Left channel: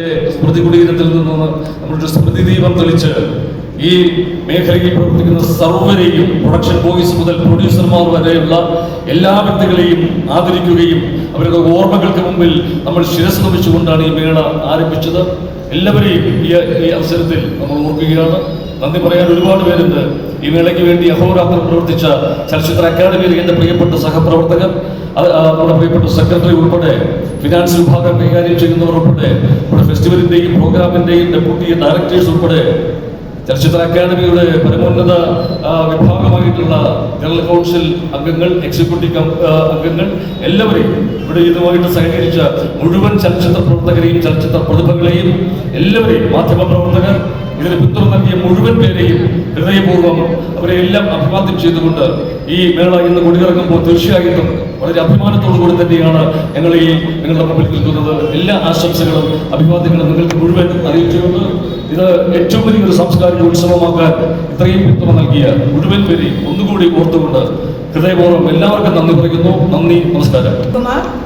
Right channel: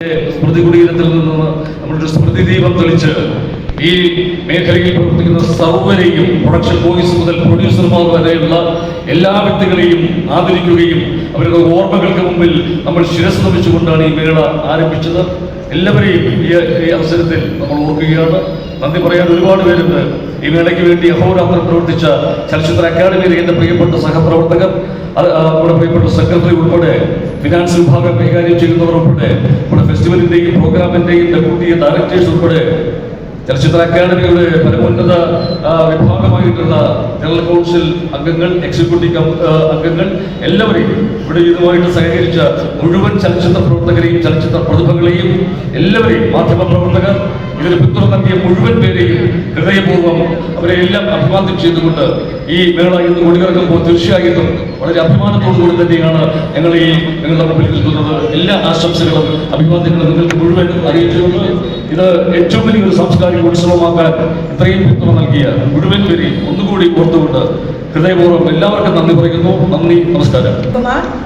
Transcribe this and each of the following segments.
സ്മൃതി കുടീരത്തിൽ നിന്ന് നമ്മുടെ സ്മൃതി ദീപം തെളിച്ച് ഈ മേഖലയിൽ പ്രവർത്തിക്കുന്ന സർവ്വരെയും പ്രൊഡക്ഷൻ ബോയ്സ് മുതൽ പ്രൊഡ്യൂസർമാർ വരെയുള്ള എല്ലാ വ്യക്തികളെയും ആദരിക്കുകയും അവരുടെ ഓർമ്മകൾക്ക് മുമ്പിൽ നമ്മൾ ശിരസ് നമിച്ചുകൊണ്ടാണ് ഈ മേള ആരംഭിച്ചത്. എല്ലാവരെയും ഈ അവസരത്തിൽ നമ്മൾ ഓർക്കുകയാണ്. നന്ദി പറയാൻ ഒരുപാട് പേരുണ്ട്. ഈ മേളയ്ക്ക് വേണ്ടി അഹോരാത്രം പ്രവർത്തിച്ച ചലച്ചിത്ര അക്കാദമിയിലെ എന്റെ പ്രിയപ്പെട്ട സഹപ്രവർത്തകർ, നമ്മുടെ പ്രിയപ്പെട്ട സെക്രട്ടറി ഉൾപ്പെടെ, ഫിനാൻസ് വിഭാഗം കൈകാര്യം ചെയ്യുന്നവർ ഉൾപ്പെടെ, നമ്മുടെ ഫെസ്റ്റിവലിന്റെയും പ്രോഗ്രാമിന്റെയും ഡെപ്യൂട്ടി ഡയറക്ടേഴ്സ് ഉൾപ്പെടെ, ചലച്ചിത്ര അക്കാദമിയുടെ പരമോന്നത വിഭാഗമായിട്ടുള്ള ജനറൽ കൗൺസിൽ അംഗങ്ങൾ, എക്സിക്യൂട്ടീവ് അംഗങ്ങൾ, എല്ലാവരെയും ഇവിടെ ഇതുമായിട്ട് സഹകരിച്ച മുഴുവൻ ചലച്ചിത്ര പ്രവർത്തകരെയും ചലച്ചിത്ര പ്രതിഭകളെയും എല്ലാവരെയും, മാധ്യമ പ്രവർത്തകർ, ഇതിന് പിന്തുണ നൽകിയ മുഴുവൻ പേരെയും ഹൃദയപൂർവ്വം അവരെ എല്ലാം അഭിവാദ്യം ചെയ്തുകൊണ്ട് ഈ മേള ഇന്ന് കൊടിയിറങ്ങുമ്പോൾ തീർച്ചയായിട്ടും വളരെ അഭിമാനത്തോടുകൂടി തന്നെയാണ് ഞങ്ങൾ നിങ്ങളുടെ മുമ്പിൽ നിൽക്കുന്നത്. എല്ലാ ആശംസകളും അഭിവാദ്യങ്ങളും നിങ്ങൾക്ക് മുഴുവൻ അറിയിച്ചുകൊണ്ട് ഇത് ഏറ്റവും വലിയൊരു സാംസ്കാരിക ഉത്സവമാക്കാൻ ഇത്രയും പിന്തുണ നൽകിയ മുഴുവൻ പേരെയും ഒന്നുകൂടി ഓർത്തുകൊണ്ട് ഹൃദയപൂർവ്വം എല്ലാവർക്കും നന്ദി പറയുന്നു. നന്ദി, നമസ്കാരം.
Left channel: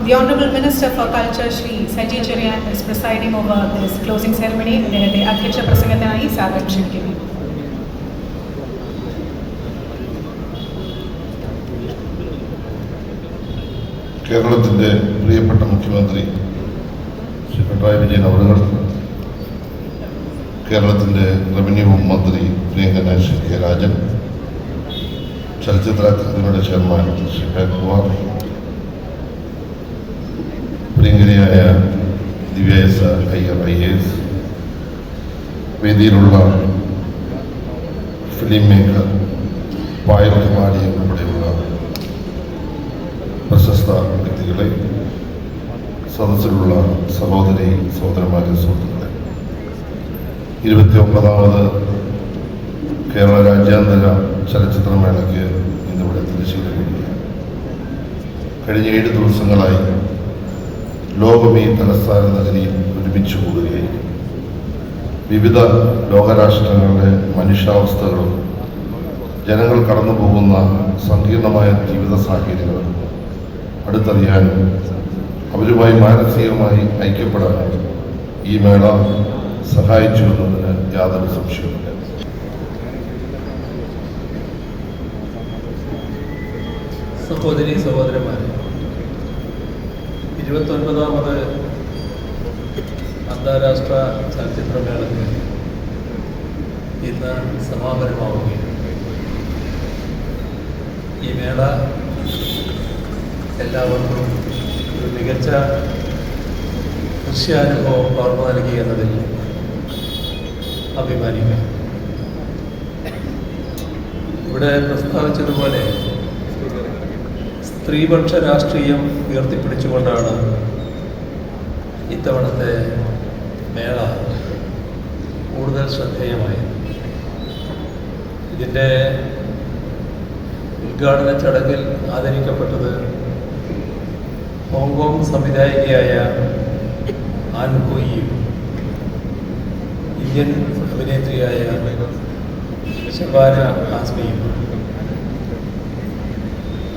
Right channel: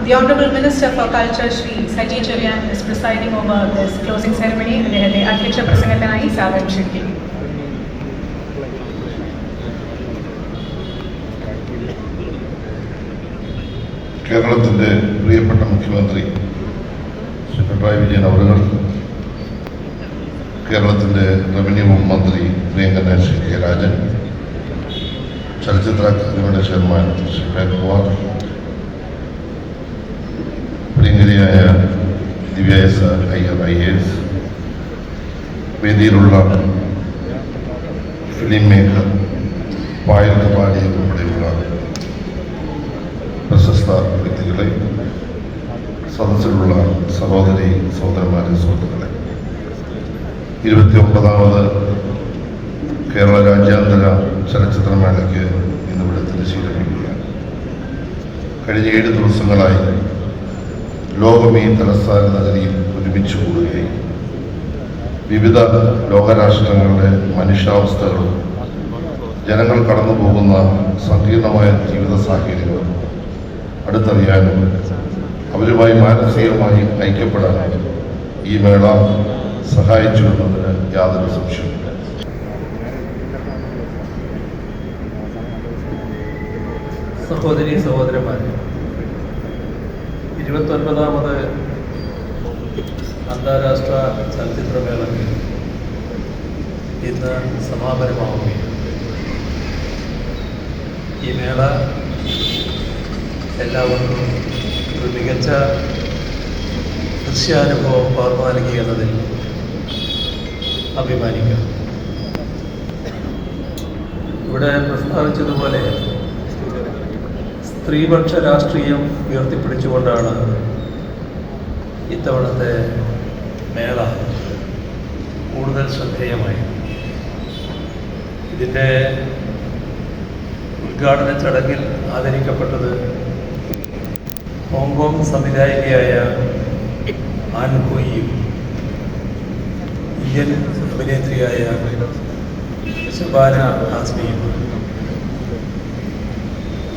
The Honorable Minister for Culture, Shri Saji Cherian, is presiding over this closing ceremony. അദ്ദേഹത്തെ അധ്യക്ഷ പ്രസംഗത്തിനായി സ്വാഗതം ക്ഷണിക്കുന്നു. കേരളത്തിൻ്റെ പ്രിയപ്പെട്ട മുഖ്യമന്ത്രി ശ്രീ പിണറായി വിജയൻ അവர்கள், കേരളത്തിൻ്റെ റവന്യൂ മന്ത്രി പ്രിയങ്കരനായ ശ്രീ കെ രാജൻ, ചലച്ചിത്ര അക്കാദമിയുടെ ചെയർമാൻ ശ്രീ പ്രേംകുമാർ, പ്രിയങ്കരിയായ ദിവ്യ എസ് അയ്യർ IAS, വേദിയിലുള്ള ഫിലിം മേക്കർ പായൽ കപാടിയ ഉൾപ്പെടെയുള്ള പ്രശസ്ത വ്യക്തികളെ, സദസ്സിലുള്ള സഹോദരി സഹോദരന്മാരെ, സുഹൃത്തുക്കളെ, 29ാമത് കേരള രാജ്യാന്തര ചലച്ചിത്രമേളയ്ക്ക് ഇന്നിവിടെ തിരിച്ചുകഴിയുകയാണ്. കഴിഞ്ഞ 7 ദിവസങ്ങളായി ലോകം ഈ തലസ്ഥാന നഗരിയിൽ ഒരുമിച്ച് കൂടുകയും വിവിധ ലോകരാഷ്ട്രങ്ങളുടെ മനുഷ്യാവസ്ഥകളും ജനങ്ങൾ കടന്നു പോകുന്ന സങ്കീർണമായ ജീവിത സാഹചര്യങ്ങളും അടുത്തറിയാനും അവരുമായി മാനസികമായി ഐക്യപ്പെടാനും ഈ മേള സഹായിച്ചു എന്നതിന് യാതൊരു സംശയവുമില്ല. സഹോദരി സഹോദരന്മാരെ, 29ാമത് അന്താരാഷ്ട്ര ചലച്ചിത്രമേളയ്ക്ക് ഇന്ന് സമാപനമാവുകയും ഈ മേള എല്ലാവർക്കും ഒരു മികച്ച ദൃശ്യാനുഭവം പകർന്നു നൽകി എന്നതിൽ അഭിമാനിക്കാം. ഇവിടെ പ്രസ്താവിച്ചതുപോലെ സ്ത്രീപക്ഷ രാഷ്ട്രീയം ഉയർത്തിപ്പിടിച്ചുകൊണ്ടാണ് ഇത്തവണത്തെ മേള കൂടുതൽ ശ്രദ്ധേയമായി. ഇതിൻ്റെ ഉദ്ഘാടന ചടങ്ങിൽ ആദരിക്കപ്പെട്ടത് ഹോങ്കോങ് സംവിധായികയായ ആൻ ഹുയിയും ഇന്ത്യൻ അഭിനേത്രിയായ ശബാന ആസ്മിയും.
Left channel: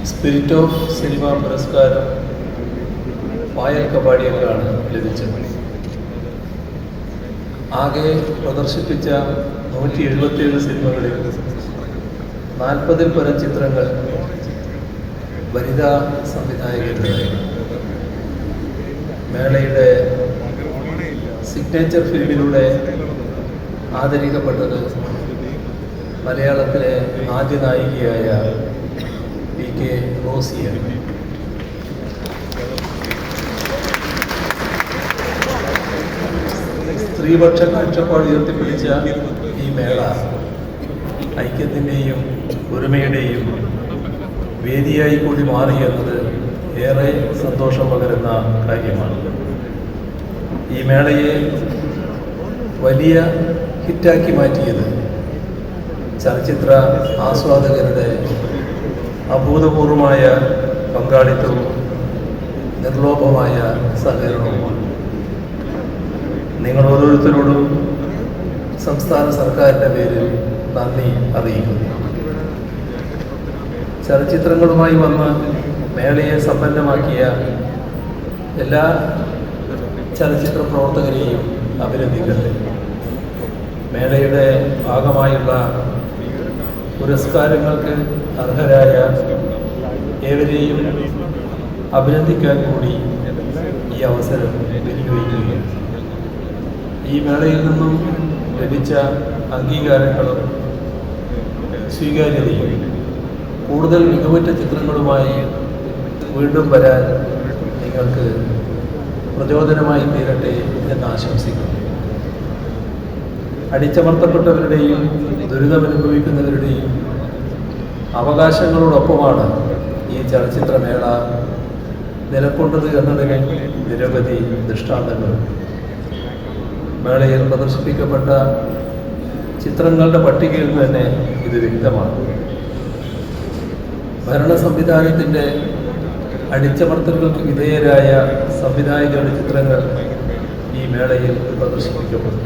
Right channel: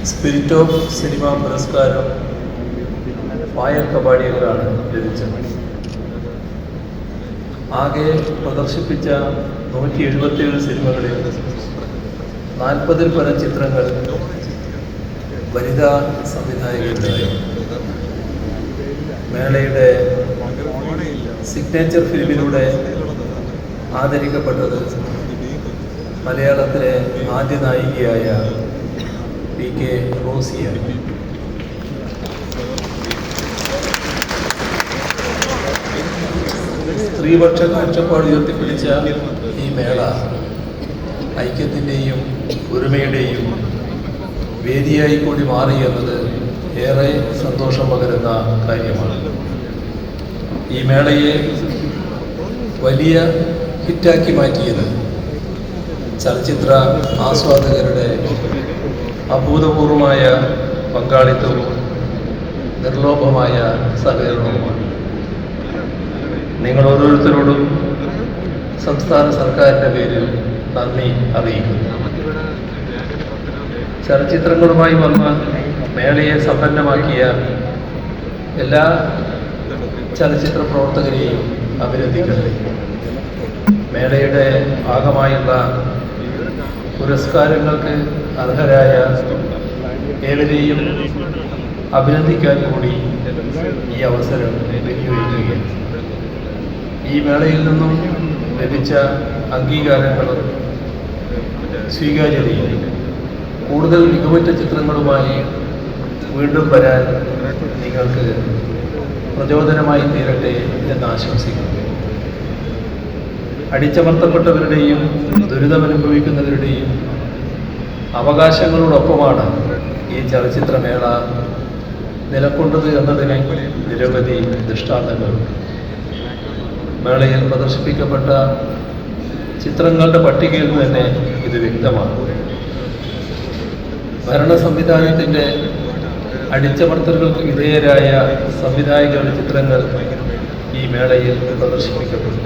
സ്പിരിറ്റ് ഓഫ് സിനിമ പുരസ്കാരം പായൽ കപാടിയവരാണ് ലഭിച്ചത്. ആകെ പ്രദർശിപ്പിച്ച 187 സിനിമകളിൽ 40-ൽ പരം ചിത്രങ്ങൾ വനിതാ സംവിധായകരുടെയാണ്. മേളയുടെ സിഗ്നേച്ചർ ഫിലിമിലൂടെ ആദരിക്കപ്പെട്ടത് മലയാളത്തിലെ ആദ്യ നായികയായ PK റോസിയാണ്. സ്ത്രീപക്ഷ കാഴ്ചപ്പാട് ഉയർത്തിപ്പിടിച്ച ഈ മേള ഐക്യത്തിൻ്റെയും ഒരുമയുടെയും വേദിയായി കൂടി മാറി എന്നത് ഏറെ സന്തോഷം പകരുന്ന കാര്യമാണ്. ഈ മേളയെ വലിയ ഹിറ്റാക്കി മാറ്റിയത് ചലച്ചിത്ര ആസ്വാദകരുടെ അഭൂതപൂർവമായ പങ്കാളിത്തവും നിർലോഭമായ സഹകരണവുമാണ്. നിങ്ങൾ ഓരോരുത്തരോടും സംസ്ഥാന സർക്കാരിൻ്റെ പേരിൽ നന്ദി അറിയിക്കുന്നു. ചലച്ചിത്രങ്ങളുമായി വന്ന മേളയെ സമ്പന്നമാക്കിയ എല്ലാ ചലച്ചിത്ര പ്രവർത്തകരെയും അഭിനന്ദിക്കുന്നത്. മേളയുടെ ഭാഗമായുള്ള പുരസ്കാരങ്ങൾക്ക് അർഹരായ ഏവരെയും അഭിനന്ദിക്കാൻ കൂടി ഈ അവസരം വിനിയോഗിക്കുകയാണ്. ഈ മേളയിൽ നിന്നും ലഭിച്ച അംഗീകാരങ്ങളും സ്വീകാര്യതയും കൂടുതൽ മികവുറ്റ ചിത്രങ്ങളുമായി വീണ്ടും വരാൻ നിങ്ങൾക്ക് പ്രചോദനമായി തീരട്ടെ എന്ന് ആശംസിക്കുന്നു. അടിച്ചമർത്തപ്പെട്ടവരുടെയും ദുരിതമനുഭവിക്കുന്നവരുടെയും അവകാശങ്ങളോടൊപ്പമാണ് ഈ ചലച്ചിത്രമേള നിലകൊണ്ടത് എന്നതിന് നിരവധി ദൃഷ്ടാന്തങ്ങൾ. മേളയിൽ പ്രദർശിപ്പിക്കപ്പെട്ട ചിത്രങ്ങളുടെ പട്ടികയിൽ തന്നെ ഇത് വ്യക്തമാണ്. ഭരണ സംവിധാനത്തിൻ്റെ അടിച്ചമർത്തലുകൾക്ക് വിധേയരായ സംവിധായകരുടെ ചിത്രങ്ങൾ ഈ മേളയിൽ പ്രദർശിപ്പിക്കപ്പെട്ടു.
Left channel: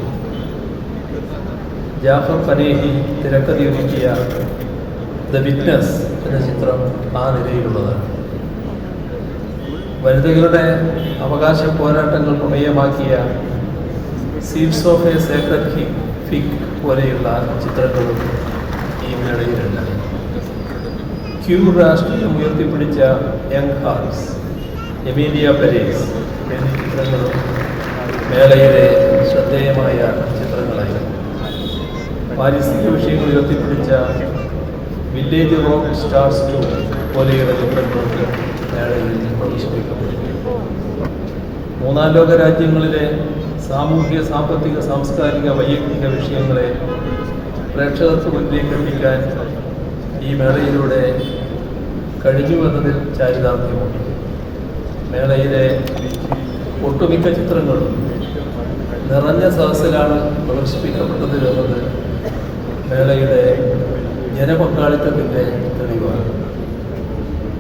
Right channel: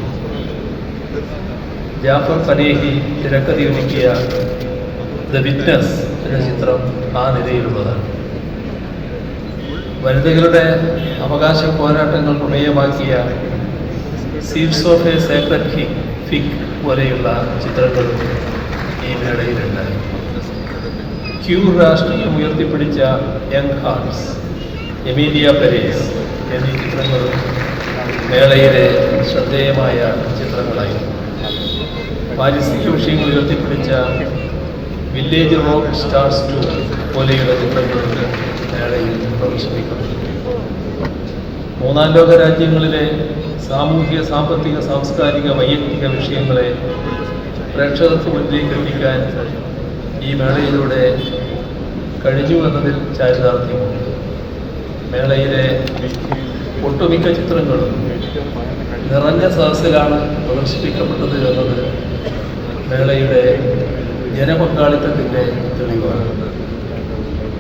ജാഫർ പനേഹി തിരക്കഥയൊരുക്കിയ ദ വിറ്റ്നസ് എന്ന ചിത്രം ആ നിരയിലുള്ളതാണ്. വനിതകളുടെ അവകാശ പോരാട്ടങ്ങൾ പ്രമേയമാക്കിയ seeds of a sacred fig പോലെയുള്ള ചിത്രങ്ങളും ഈ മേളയിലുണ്ട്. ക്യൂർ രാഷ്ട്രീയം ഉയർത്തിപ്പിടിച്ച യങ് ഹാർട്സ്, എമീലിയ പെരേസ് എന്നീ ചിത്രങ്ങളും മേളയിലെ ശ്രദ്ധേയമായ ചിത്രങ്ങളായിരുന്നു. പാരിസ്ഥിതിക വിഷയങ്ങൾ ഉയർത്തിപ്പിടിച്ച വില്ലേജ് റോക്ക് സ്റ്റാർസ് 2 പോലെയുള്ള ചിത്രങ്ങൾക്ക് മേളയിൽ പ്രദർശിപ്പിക്കപ്പെട്ടു. മൂന്നാം ലോക രാജ്യങ്ങളിലെ സാമൂഹിക, സാമ്പത്തിക, സാംസ്കാരിക, വൈയക്തിക വിഷയങ്ങളെ പ്രേക്ഷകർക്ക് മുന്നിലേക്ക് എത്തിക്കാൻ ഈ മേളയിലൂടെ കഴിഞ്ഞു എന്നതിൽ ചാരിതാർത്ഥ്യമുണ്ട്. മേളയിലെ ഒട്ടുമിക്ക ചിത്രങ്ങളും നിറഞ്ഞ സദസ്സിലാണ് പ്രദർശിപ്പിക്കപ്പെട്ടത് എന്നത് മേളയുടെ ജനപങ്കാളിത്തത്തിൻ്റെ തെളിവാണ്.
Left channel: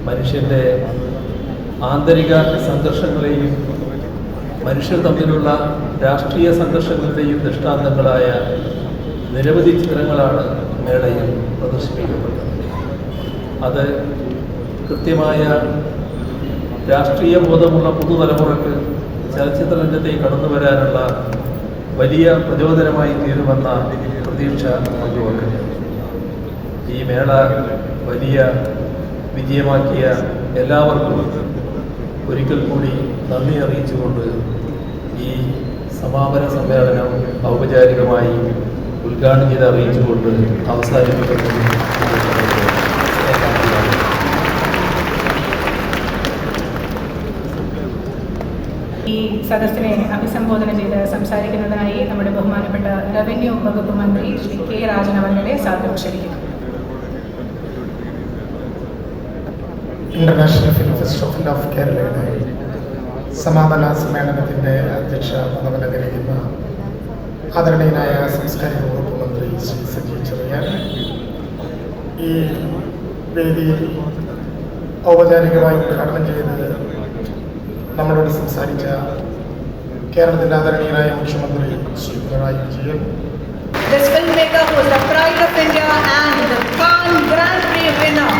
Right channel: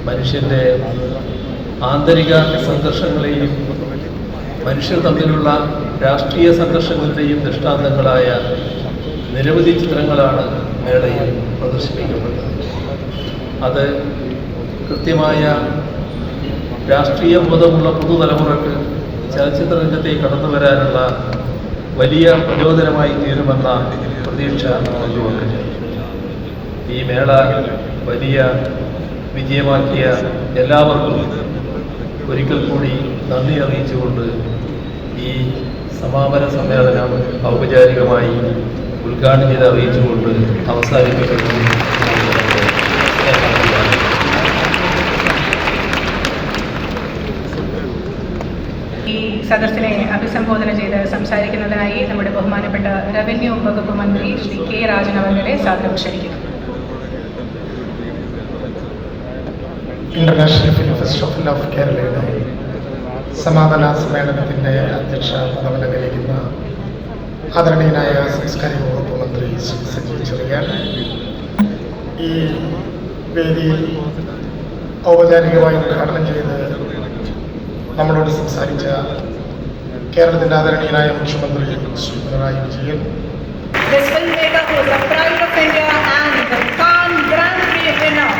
മനുഷ്യൻ്റെ ആന്തരിക സംഘർഷങ്ങളെയും മനുഷ്യർ തമ്മിലുള്ള രാഷ്ട്രീയ സംഘർഷങ്ങളുടെയും ദൃഷ്ടാന്തങ്ങളായ നിരവധി ചിത്രങ്ങളാണ് മേളയിൽ പ്രദർശിപ്പിക്കപ്പെട്ടത്. അത് കൃത്യമായ രാഷ്ട്രീയ ബോധമുള്ള പുതുതലമുറക്ക് ചലച്ചിത്ര രംഗത്തേക്ക് കടന്നു വരാനുള്ള വലിയ പ്രചോദനമായി തീരുമെന്ന പ്രതീക്ഷ പങ്കുവെക്കുന്നു. ഈ മേള വലിയ വിജയമാക്കിയ എല്ലാവർക്കും ഒരിക്കൽ കൂടി നന്ദി അറിയിച്ചുകൊണ്ട് ഈ സമാപന സമ്മേളനം ഔപചാരികമായി ഉദ്ഘാടനം ചെയ്ത് അറിയിച്ചുകൊണ്ട് അവസാനിപ്പിക്കുന്നു. ഈ സദസ്സിനെ അഭിസംബോധന ചെയ്ത് സംസാരിക്കുന്നതിനായി നമ്മുടെ ബഹുമാനപ്പെട്ട റവന്യൂ വകുപ്പ് മന്ത്രി ശ്രീ കെ രാജൻ അവരുടെ സാദരം ക്ഷണിക്കുന്നു. ഇന്റർനാഷണൽ ഫിലിം ഫെസ്റ്റിവൽ ഓഫ് കേരളയുടെ സമാപന സമ്മേളനത്തിൻ്റെ അധ്യക്ഷ പദവിയിലിരിക്കുന്ന ആദരണീയനായ സാംസ്കാരിക വകുപ്പ് മന്ത്രി ശ്രീ സജി ചെറിയാൻ, ഈ വേദിയിൽ ഔപചാരികമായി ഉദ്ഘാടനം ചെയ്ത് നമ്മളോട് സംസാരിച്ച കേരളത്തിൻ്റെ ആദരണീയനായ മുഖ്യമന്ത്രി ശ്രീ പിണറായി Vijayan, This filmmaker who is the pride of India and the Cannes Grand Prix winner.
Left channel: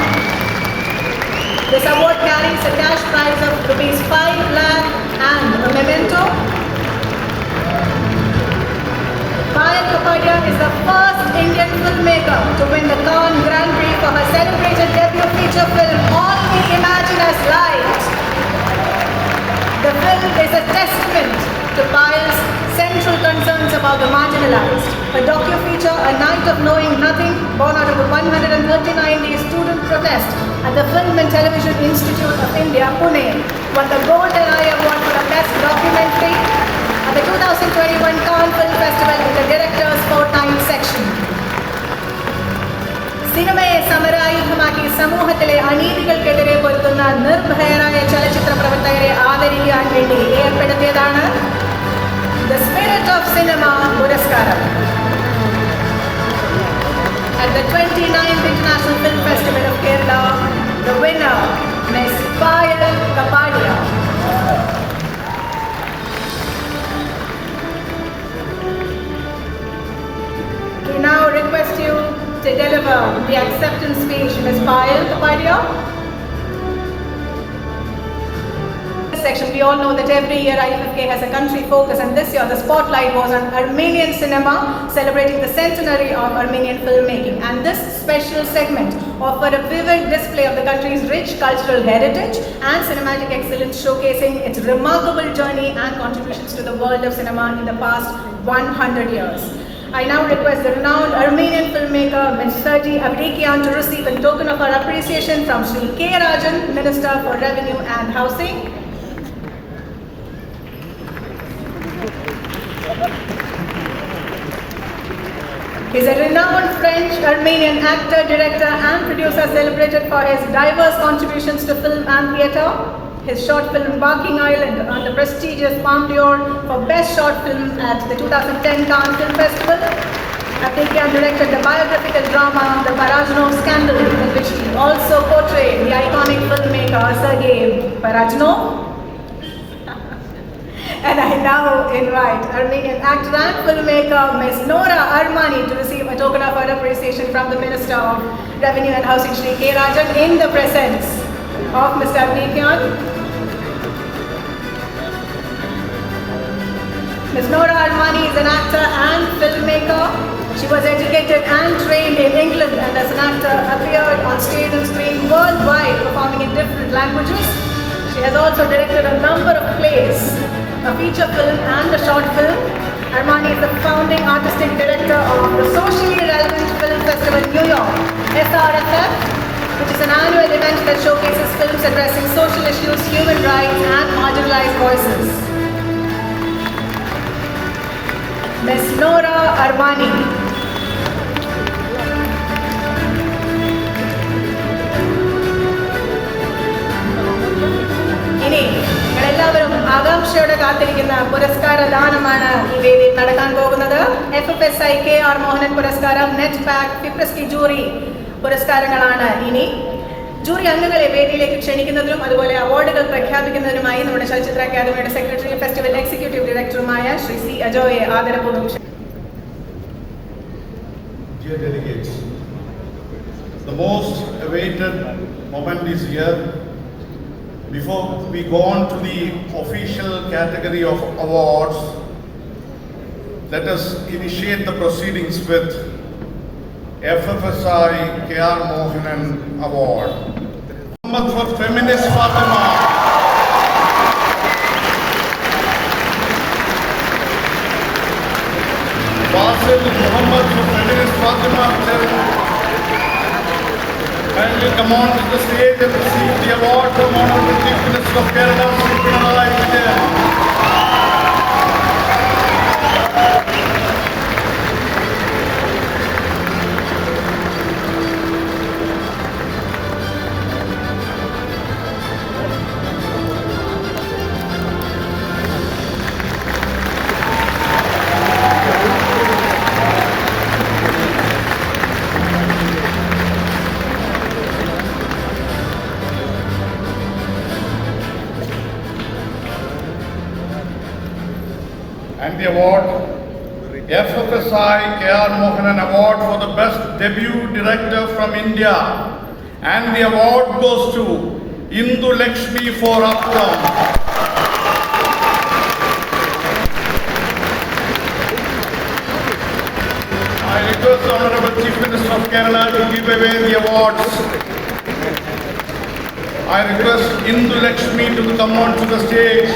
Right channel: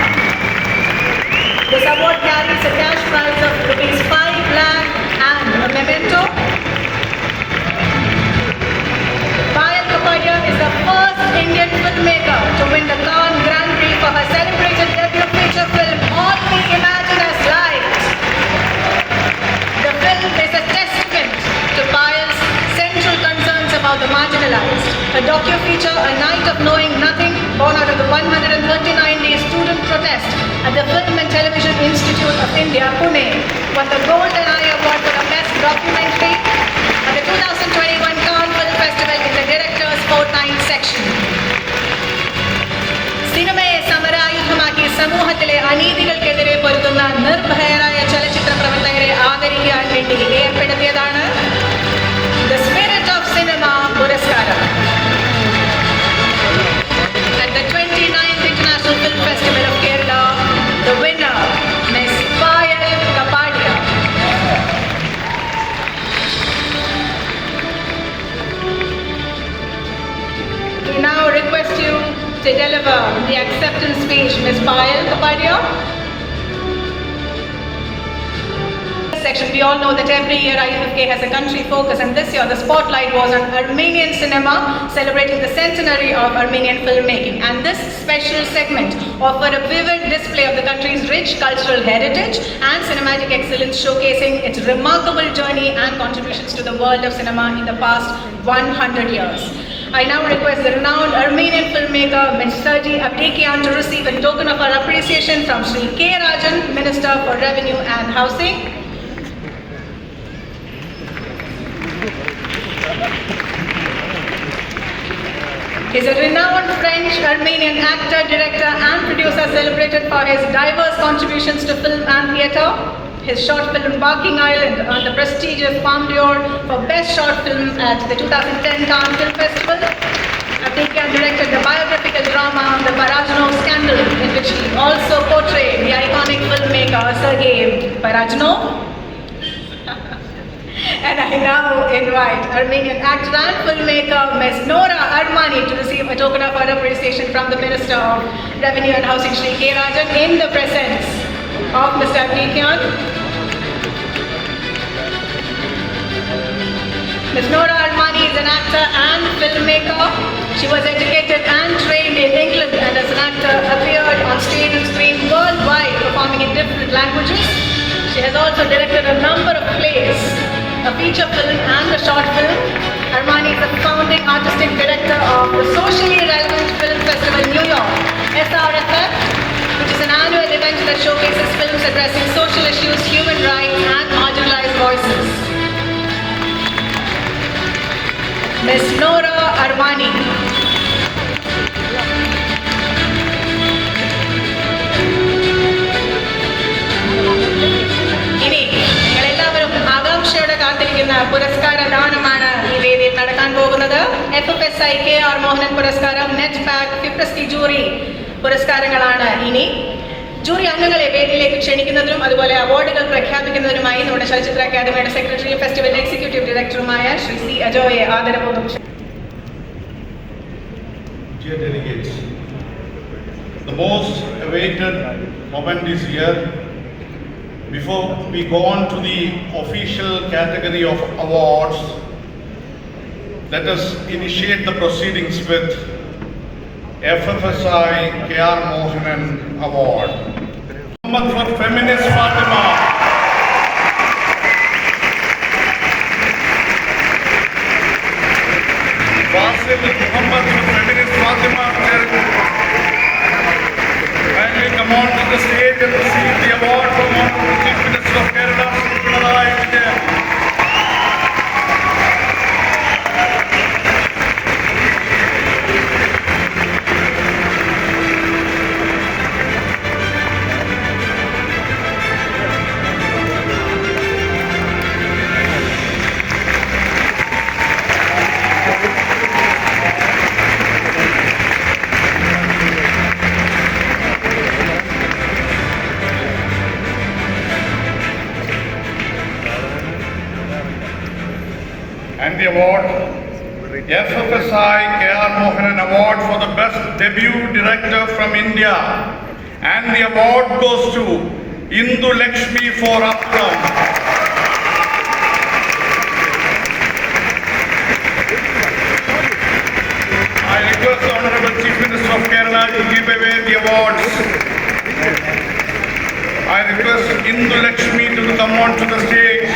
This award carries a cash prize of ₹5 lakh and a memento. Payal Kapadia is the first Indian filmmaker to win the Cannes Grand Prix for her celebrated debut feature film All We Imagine as Light. The film is a testament to Payal's central concerns about the marginalized. A docu-feature, A Night of Knowing Nothing, born out of the 139-day student protest at the Film and Television Institute of India, Pune, won the Golden Eye Award for the Best Documentary at the 2021 Cannes Film Festival in the Director's Fortnight section. സിനിമയെ സമരായുധമാക്കി സമൂഹത്തിലെ അനീതികൾക്കെതിരെ പൊരുതുന്ന നിർഭയരായ ചലച്ചിത്ര പ്രവർത്തകരെ ആദരിക്കാൻ വേണ്ടി ഏർപ്പെടുത്തിയതാണ് The Spirit of Cinema പുരസ്കാരം. At the 29th International Film Festival of Kerala, the winner, Ms. Payal Kapadia. We now request you to deliver the acceptance speech, Ms. Payal Kapadia. section, we all know that every year IFFK has a country focus, and this year the spotlight was on Armenian cinema, celebrating the centenary of Armenian filmmaking. And this special segment offered a vivid display of the country's rich cultural heritage and cinematic excellence, showcasing its remarkable journey and contributions to the world of cinema in the past 100 years. I now request the renowned Armenian filmmaker Ms. Sergi Avdikian to receive a token of our appreciation from Sri K. Rajan, Minister for Revenue and Housing. He is a renowned French-Armenian actor, director and producer, celebrated for his diverse contributions to film and theatre. His short film Barking Island won the prestigious Palme d'Or for Best Short Film at the 2010 Cannes Film Festival. Avdikian directed the biographical drama The Parajno Scandal, in which he also portrayed the iconic filmmaker Sergei Parajno. And I now invite Armenian actor and filmmaker Ms. Nora Armani to receive a token of our appreciation from the Minister of Revenue and Housing, Sri K. Rajan, in the presence of Mr. Avdikian. Ms. Nora Armani is an actor and filmmaker. She was educated and trained in England, and as an actor appeared on stage and screen worldwide, performing in different languages. She has also directed a number of plays, a feature film and a short film. Armani is the founding artistic director of the Socially Relevant Film Festival in New York, SRFF, which is an annual event that showcases films addressing social issues, human rights and marginalized voices. Ms. Nora Armani. ഇനി നിങ്ങളെല്ലാവരും ആകാംക്ഷയോടെ കാത്തിരിക്കുന്ന പുരസ്കാര ദാനമാണ് ഈ വേദിയിൽ നടക്കാൻ പോകുന്നത്. FFSI KR മോഹനൻ പുരസ്കാരം, നെറ്റ് പാക്ക്, ഫിപ്രസ്റ്റി ജൂറി പുരസ്കാരങ്ങളാണ് ഇനി. ജൂറി അംഗങ്ങളെ വേദിയിലേക്ക് ക്ഷണിക്കുന്നതിനും അതുപോലെ അവാർഡുകൾ പ്രഖ്യാപിക്കുന്നതിനുമായി നമ്മുടെ ചലച്ചിത്ര അക്കാദമിയുടെ സെക്രട്ടറി, ഫെസ്റ്റിവൽ എക്സിക്യൂട്ടീവ് ഡയറക്ടറുമായ ശ്രീ സി അജോയെ ആദരപൂർവ്വം. Dear delegates, the most awaited moment is here. Before we go on to the official category of awards, let us initiate the proceedings with FFSI KR Mohanan Award. Muhammad for Feminist Fatima. Wasim Muhammad for Feminist Fatima. And we come on to the stage and receive the award from Honorable Chief Minister of Kerala, Sri Pinarayi Vijayan. And the award, FFSI KR Mohanan Award for the Best Debut Director from India. And the award goes to Indu Lakshmi for Outcome. I request the Honorable Chief Minister of Kerala to give away the awards. I request Indu Lakshmi to come on to the stage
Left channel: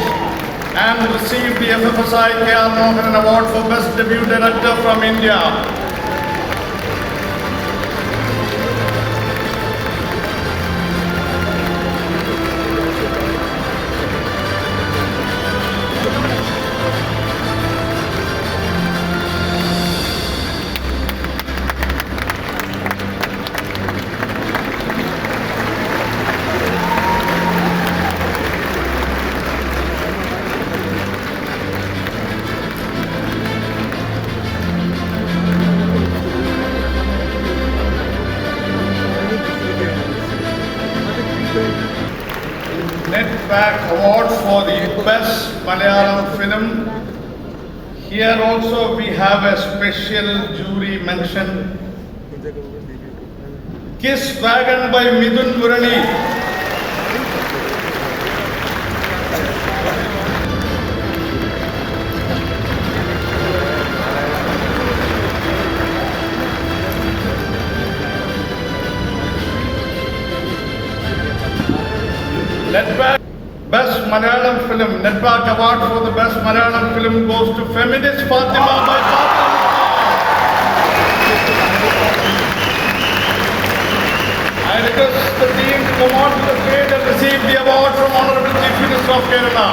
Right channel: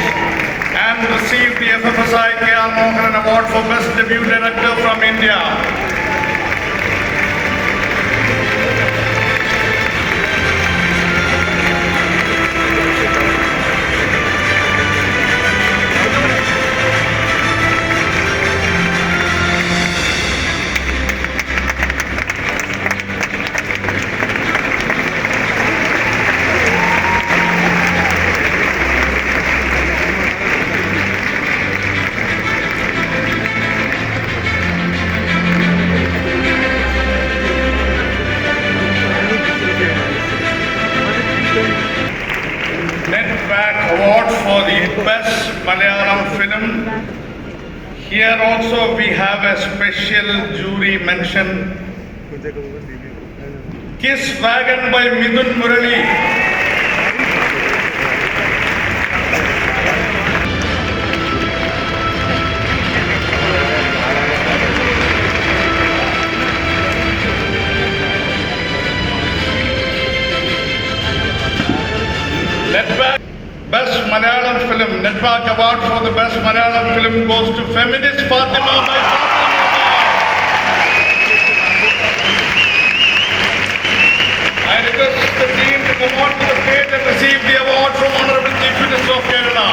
and receive the FFSI KR Mohanan Award for Best Debut Director from India. Netback Award for the Best Malayalam Film. Here also we have a special jury mention. Kiss Wagon by Midun Murali. Network Award for the Best Malayalam Film goes to Feminist Fatima by Fatima. I request the team to come on to the stage and receive the award from Honorable Chief Minister of Kerala.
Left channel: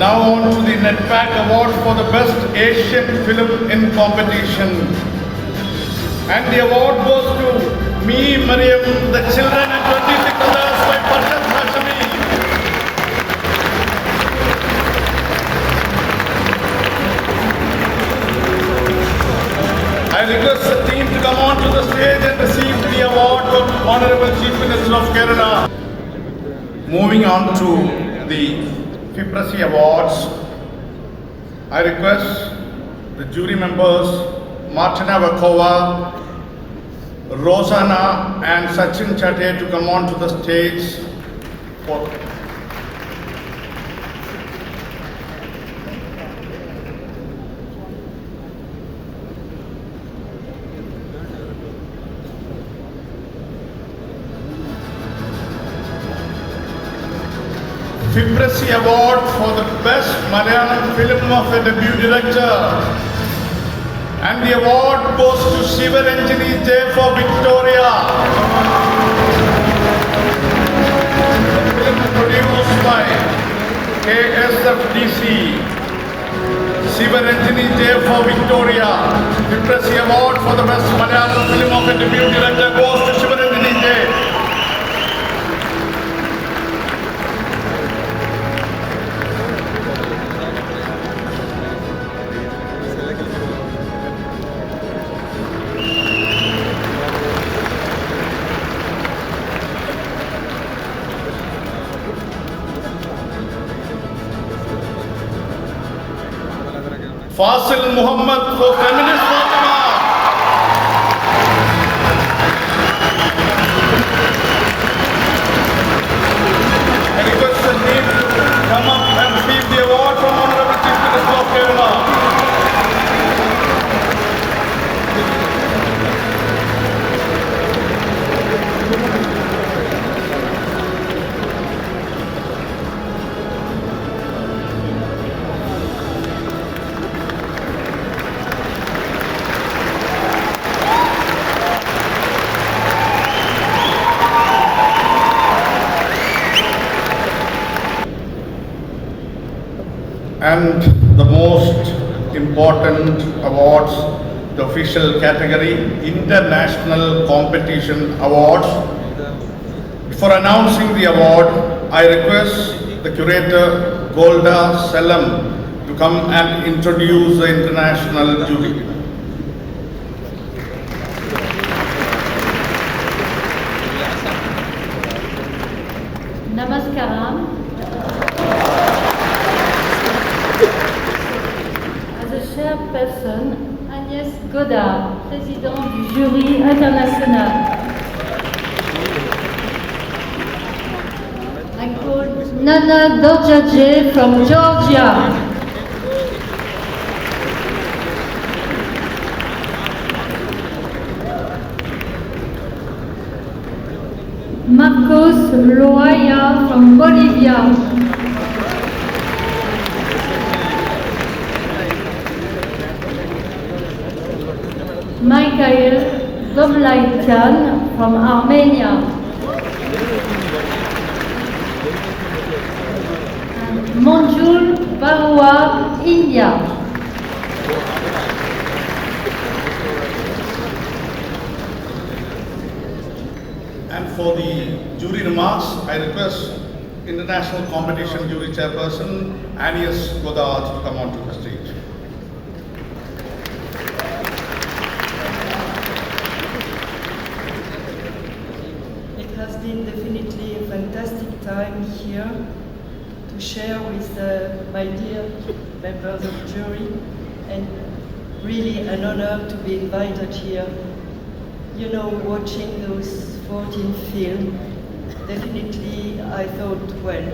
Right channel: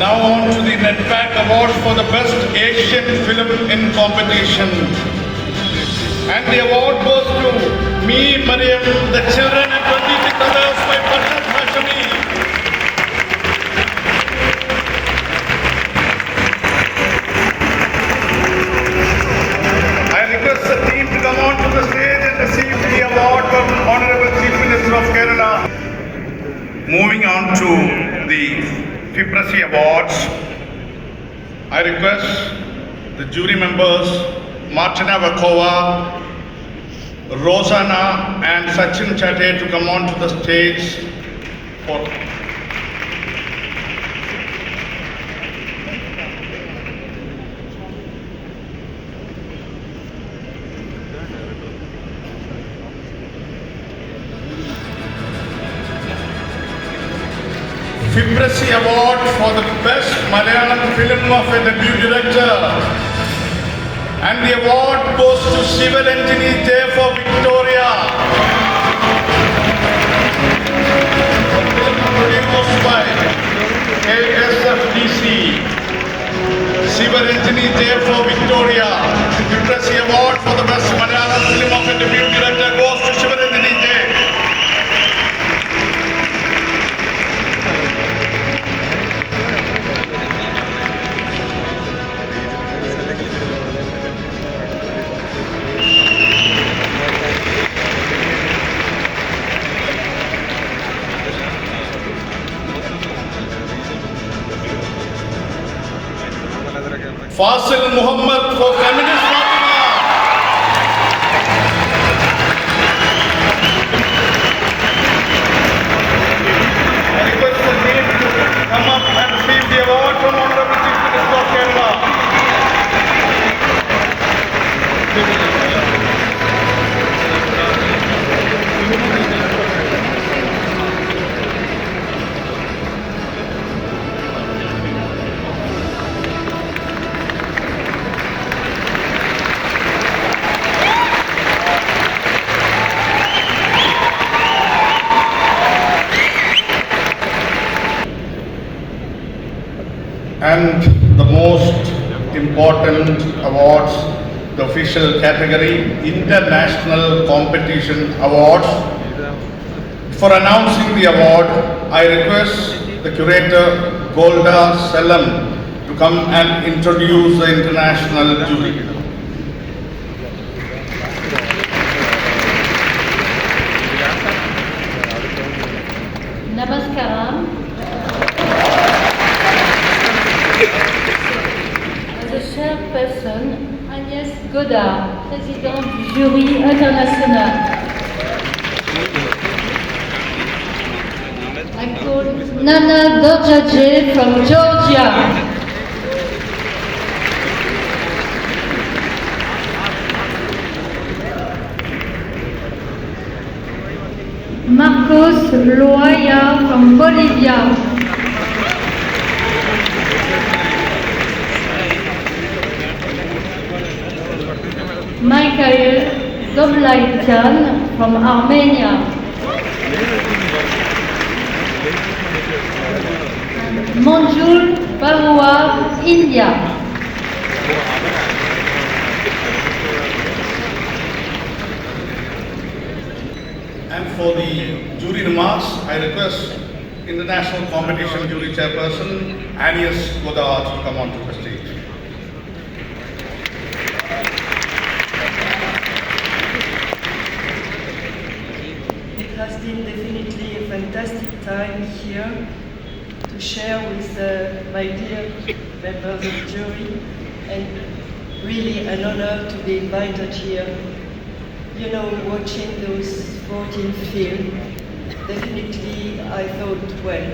Now on to the Netpack Award for the Best Asian Film in Competition. And the award goes to Me, Mariam, The Children and 26 Others by Patrick Hashemi. I request the team to come on to the stage and receive the award from Honorable Chief Minister of Kerala. Moving on to the FIPRASI Awards, I request the jury members Martina Vakova, Rosanna and Sachin Chate to come on to the stage for FIPRASI Award for the Best Malayalam Film of a Debut Director. And the award goes to Sivaranjani J for Victoria. The film produced by KSFDC. Sivaranjani J for Victoria. FIPRASI Award for the Best Malayalam Film of a Debut Director goes to Sivaranjani J. Fasil Muhammad for Feminist Fatima. I request the team to come up and receive the award from Honorable Chief Minister of Kerala. And the most important awards, the official category, International Competition Awards. For announcing the award, I request the curator Golda Selam to come and introduce the international jury. Namaskaram. As a chairperson, Agnès Godard, présidente du jury international. I call Nana Dorjaje from Georgia. Marcos Loaya from Bolivia. Somlaitian from Armenia. Manjul Barua, India. And for the jury remarks, I request International Competition Jury Chairperson Anius Godard to come onto the stage. It has been definitely a fantastic time here to share with my dear members of the jury, and really an honor to be invited here. You know, watching those 14 films, definitely I thought, well,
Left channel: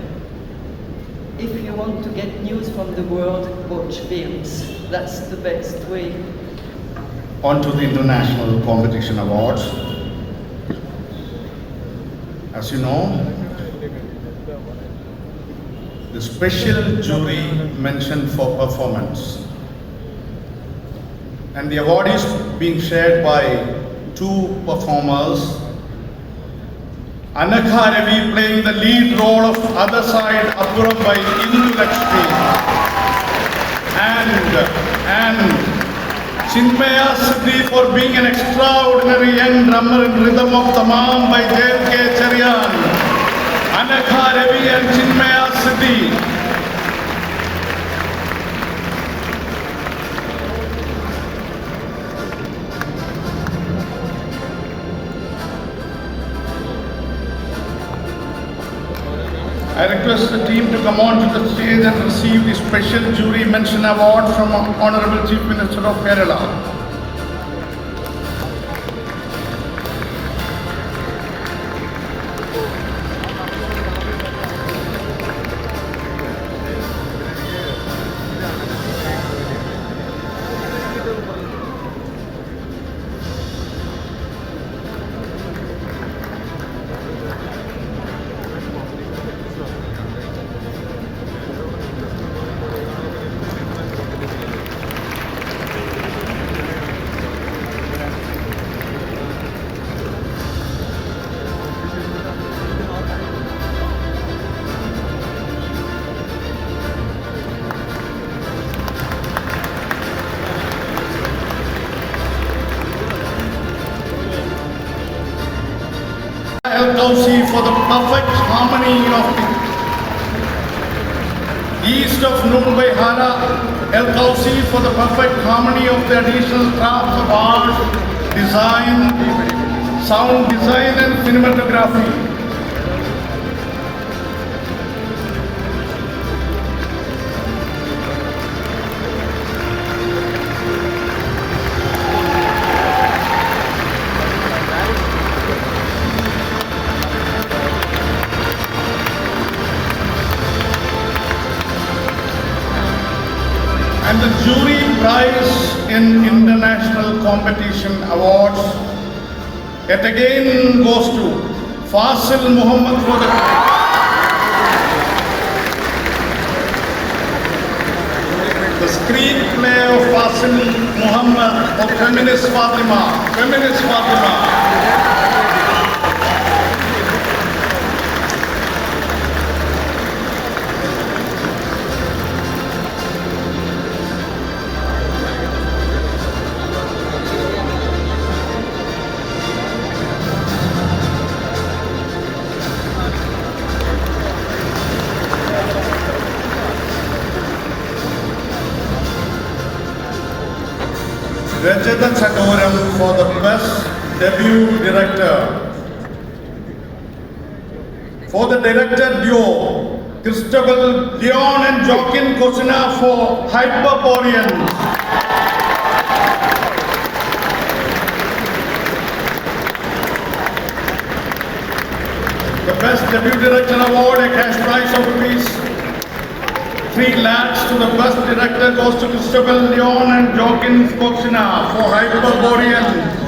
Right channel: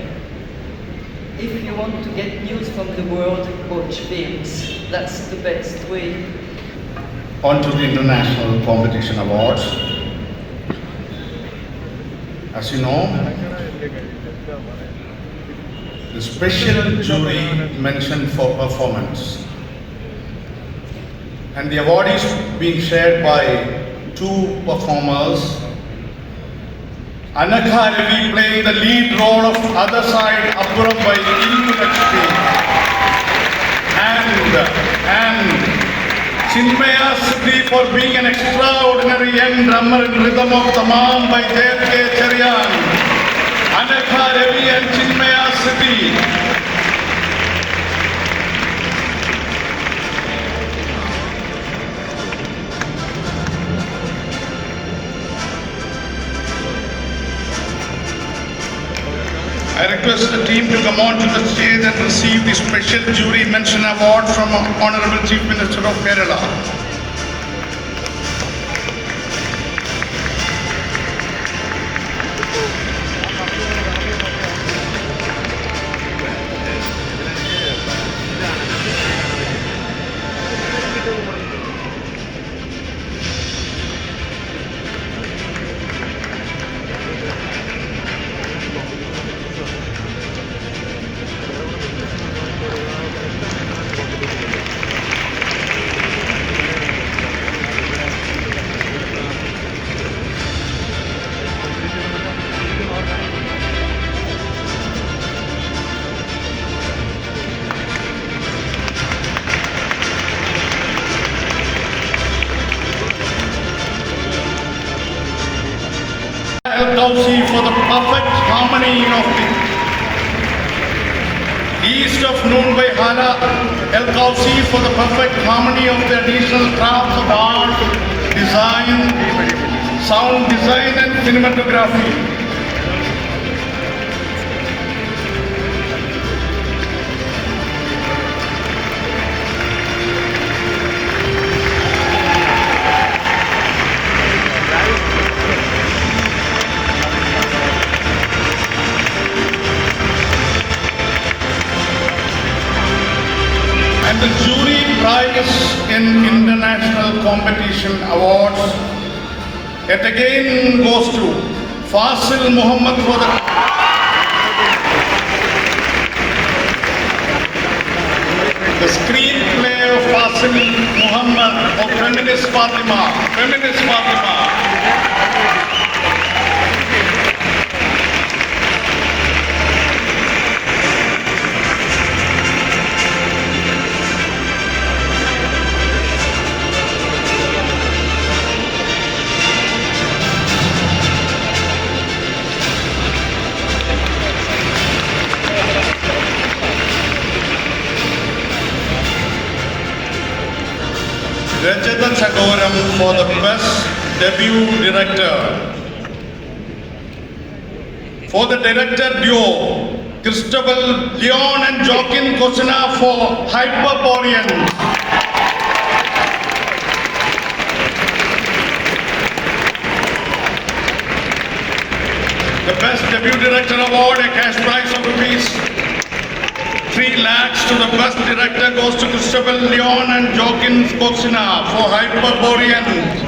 if you want to get news from the world, watch films. That's the best way. On to the International Competition Awards. As you know, the special jury mentioned for performance, and the award is being shared by two performers. Anakha Ravi playing the lead role of Other Side Apuram by Indu Lakshmi, and Chinmaya Siddhi for being an extraordinary young drummer in Rhythm of Tamam by Dev K. Charyan. Anakha Ravi and Chinmaya Siddhi. I request the team to come on to the stage and receive the Special Jury Mention Award from Honorable Chief Minister of Kerala. Kausi for the perfect harmony of the East of Mumbai Hara, El Kausi for the perfect harmony of the additional crafts of art, design, sound design and cinematography. And the jury prize in International Competition Awards yet again goes to Fasil Muhammad for the screenplay of Fasil Muhammad of Feminist Fatima. Rajatan Sagoram for the Best Debut Director. For the director duo, Christopher Leon and Joaquin Cosina for Hyperboreans. The Best Debut Director Award, a cash prize of rupees 3 lakhs to the Best Director goes to Christopher Leon and Joaquin Cosina for Hyperborean.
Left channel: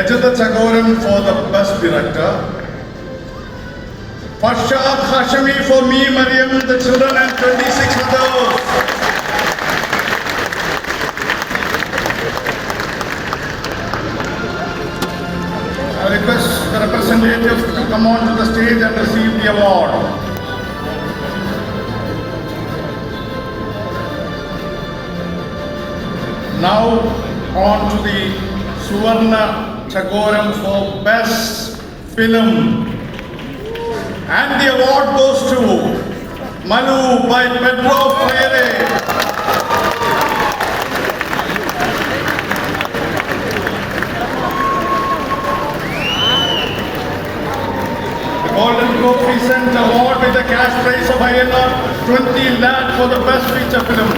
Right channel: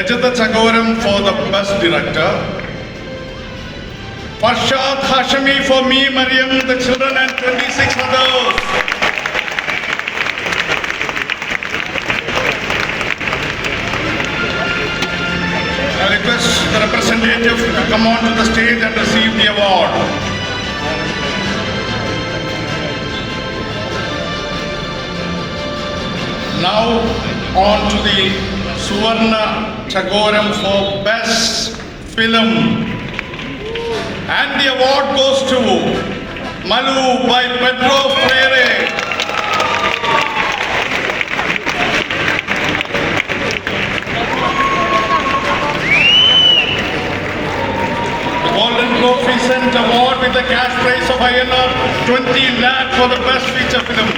Rajata Chagoram for the Best Director, Farshad Hashemi for Me Mariam, the children and 26 others. I request the representative to come on to the stage and receive the award. Now on to the Suvarna Chagoram for Best Film. And the award goes to Manu by Pedro Freire. The Golden Globe present award with a cash prize of INR 20 lakh for the best feature film,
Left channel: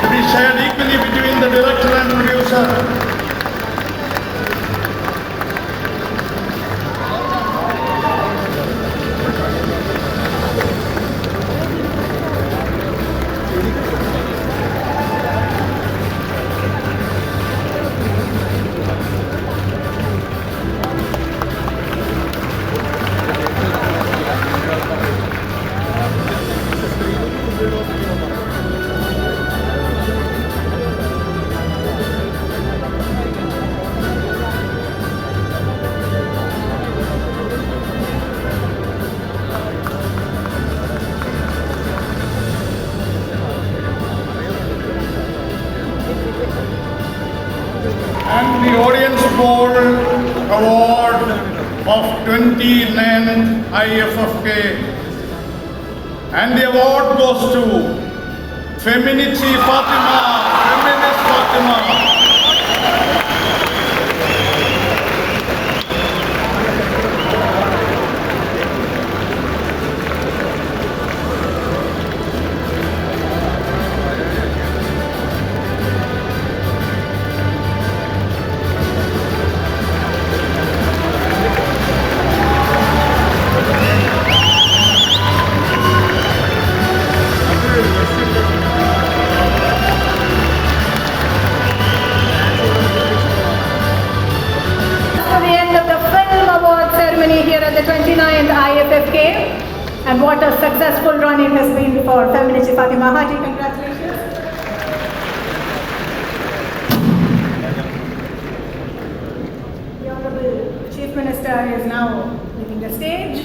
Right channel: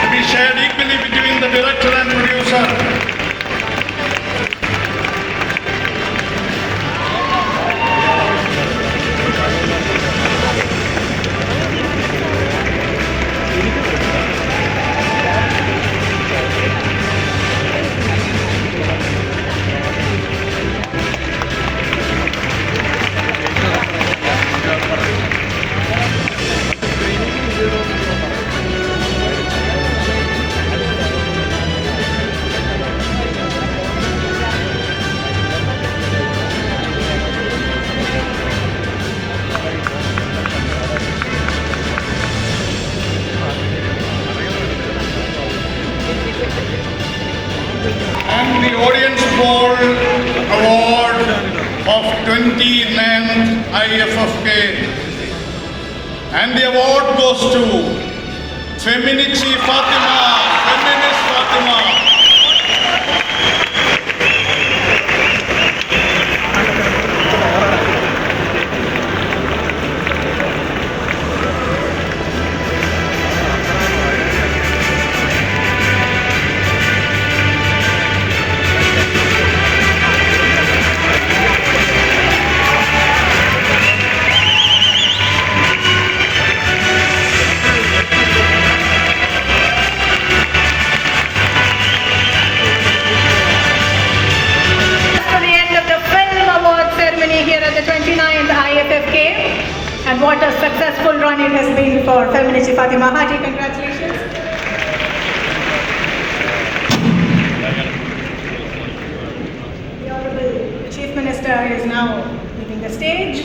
to be shared equally between the director and producer. And the Audience Poll Award of 29th IFFK. And the award goes to Feminici Fatima, Feminist Fatima. Here at the 29th IFFK, and what a successful run it has been for Feminici Fatima. Haji, congratulations. The Honorable Chief Minister is now leaving the stage.